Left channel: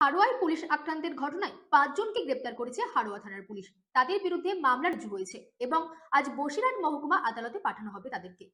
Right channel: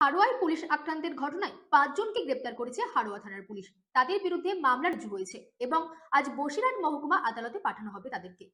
হাড়োয়ায় police আক্রান্তের ঘটনায় ৫ জনকে গ্রেপ্তার করেছে হাড়োয়া থানার পুলিশ। তাদের বিরুদ্ধে মামলা রুজু হয়েছে এবং আজ বসিরহাট মহকুমা আদালতে পাঠানো হবে তাদেরকে।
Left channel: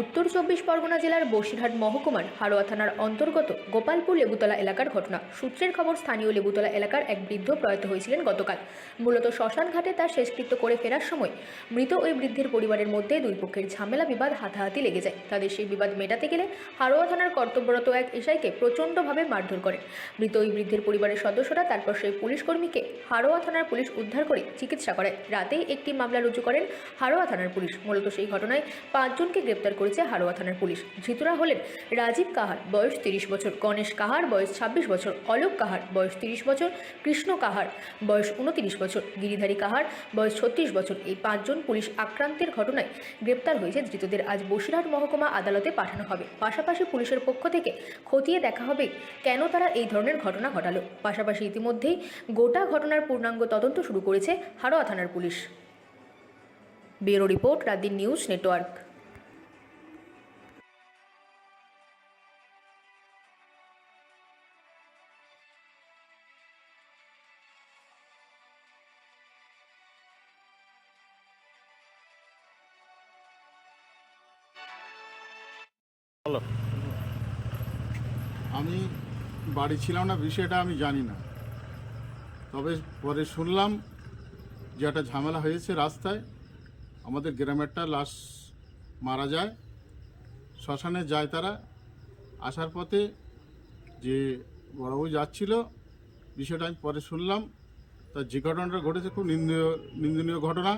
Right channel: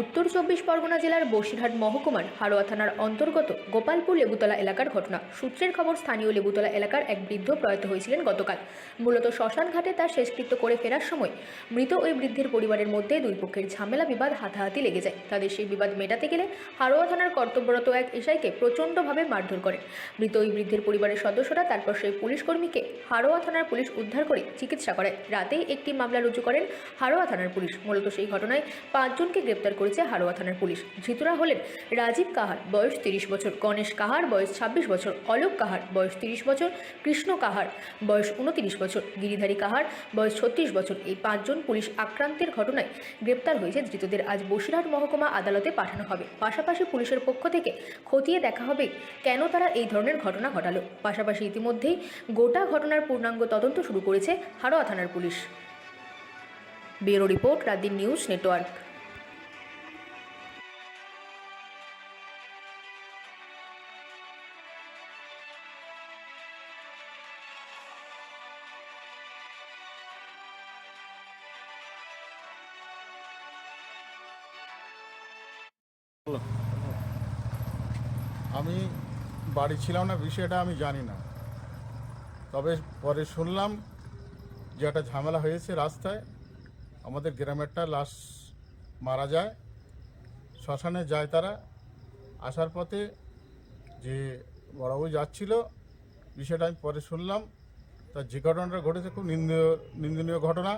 উত্তর ২৪ পরগনা জেলার বসিরহাট মহকুমার হাড়োয়া থানার অন্তর্গত গোপালপুর লেবুতলা এলাকার ঘটনা। সূত্রের খবর, স্থানীয় লেবুতলা এলাকার এক বৃদ্ধ প্রয়াত হয়েছিলেন গতকাল। মূলত শ্মশান ঘাটে তার শেষকৃত্য করে ফেরার সময় মৃত ওই বৃদ্ধের পরিবারের মধ্যে দুই পক্ষের ঝামেলা, বিবাদ, হাতাহাতি লেগে যায়। তাদের সেই বিবাদ মেটাতে গেলে হাড়োয়া থানার কর্তব্যরত এক এসআইকে প্রচণ্ডভাবে মারধর করেন মৃত ওই বৃদ্ধের পরিবারের সদস্যরা। তারপর সেই পুলিশ কর্মীকে হাড়োয়া থানার পুলিশ উদ্ধার করে চিকিৎসা করায়। রাতেই একটি মামলা রুজু করেন হাড়োয়া থানার পুলিশ। মূলত সেই ঘটনায় ৫ জনকে গ্রেপ্তার করেছে হাড়োয়া থানার পুলিশ। ধৃতরা হলেন রাজীব কাহার, বয়স ৩০ বছর, গণেশ কাহার, বয়স ২৬ বছর, অলোক কাহার, বয়স ৩০ বছর, কৃষ্ণ কাহার, বয়স ২৯ বছর, গিরিধারী কাহার, বয়স ৩৬ বছর। এই ৫ জন পুলিশ আক্রান্তের ঘটনায় গ্রেপ্তার হয়েছে। ধৃতদের আজ বসিরহাট মহকুমা আদালতে পাঠানো হবে। পাশাপাশি পুলিশের পক্ষ থেকে খতিয়ে দেখা হবে কেন তারা এই ধরনের ঘটনা ঘটালো। পাশাপাশি ইতিমধ্যেই গোটা ঘটনার পূর্ণাঙ্গ তদন্ত শুরু করেছে হাড়োয়া থানার police. Bureau report, রাতদিন news network. বলো। আমি বাড়ি ছিলাম না, বিষয়টা আমি জানি না। তবে পরে শুনলাম যে একটা ঝামেলা হয়েছে রাস্তায়। আমাদের গ্রামেরটা লাশ মারা যায়, শ্মশানে যায় তারা। আসার পথে যে বড়বাবু যাচ্ছিল, বিষয়টা আমি পরে শুনলাম। তার যে ঘটনাটা ঘটেছে খুব নিন্দনীয় ঘটনা।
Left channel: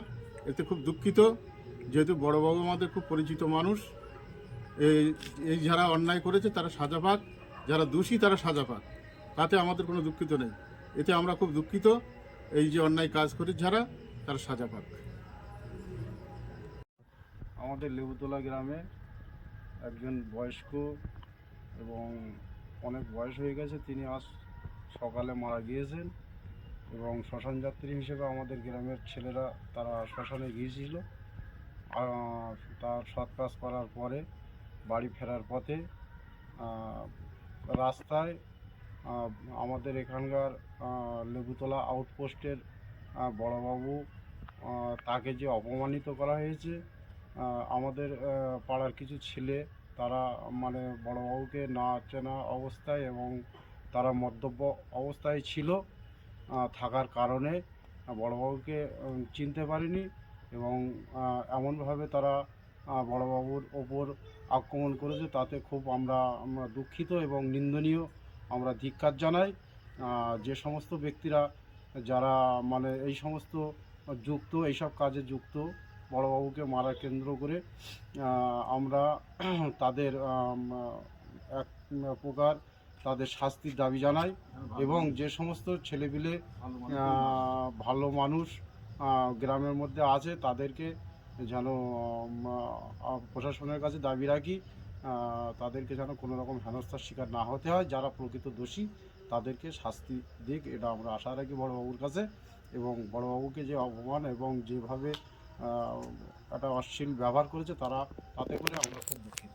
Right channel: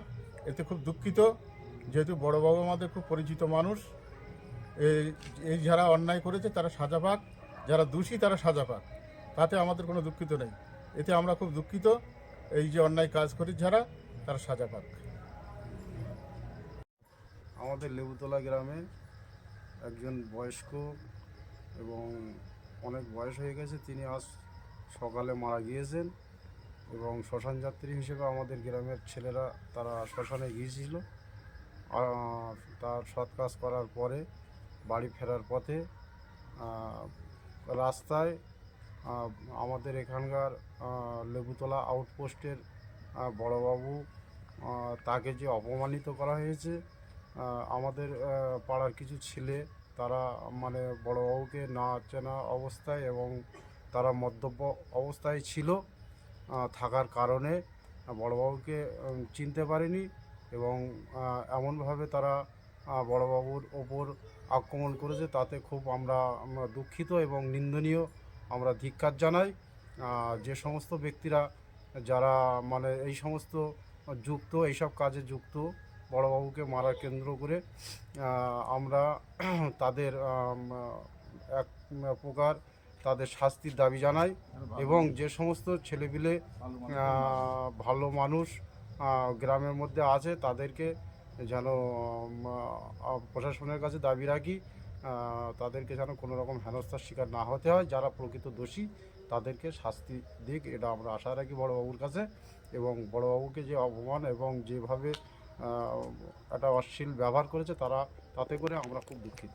এতে খুব দুঃখিত, যেহেতু বড়বাবু আমাদের খুব পরিচিত মানুষ। এই যারা অন্যায় করেছে তারা সাজা পাক, যারা দোষী তারা সাজা পাক, তাতে আমাদের কোনো দুঃখিত নেই। এতে আমরা খুব দুঃখিত। এই যে অন্যায় কাজ করে যারা, তারা সাজা পাক। আমাদের লেবুতলা গ্রামে একজন বয়স্ক এবং অনেক বয়স হয়ে গেছে, তিনি আজ সকালে মারা গিয়েছেন। এবং শ্মশান যাত্রী হিসেবে আমাদের গ্রামের ছেলেরা তারা শ্মশানে গিয়েছিল। তার সৎ কাজ করার পরে বাড়ি ফেরার পথে রাস্তায় আমাদের এখানকার লেবুতলা আউটপোস্টের বড়বাবু, তাকে যে অপমানিত করা হয়েছে, আমাদের পাড়ার কিছু ছেলে তারা মানে বড়বাবুকে না চেনা অবস্থায় এবং তারা মদ্যপ অবস্থায় ছিল, থাকার কারণে বড়বাবুকে চিনতে পারেনি এবং এমনভাবে তারা বড়বাবুর ওপর আক্রমণ করেছে। তাতে খুব আমরা দুঃখিত এবং নিন্দনীয়, আমরা ধিক্কার জানাই। যে সমস্ত ব্যক্তিরা যারা মানে এই সমস্ত যুক্ত, এইসব কাজে যুক্ত, বড়বাবুকে মারা কেন্দ্র করে আমরা তাদের এক প্রকার তাদের শাস্তির দাবি জানাই। এবং যে সমস্ত ছেলেপিলে ভালো মানুষ গ্রামের মধ্যে আছে, তাদেরকে যেন প্রশাসনের কাছে দাবি রাখি, তাদেরকে যেন কোনো রকম হেনস্থার শিকার না হতে হয়। যারা প্রকৃত দোষী তাদেরকে শাস্তি দিক, এটা আমরা আশা রাখি বড়বাবুর কাছে। এবং বড়বাবুকে যে অপমান এবং যেভাবে একটা অশ্লীল ব্যবহার করেছে তাতে করে আমরা খুব দুঃখিত।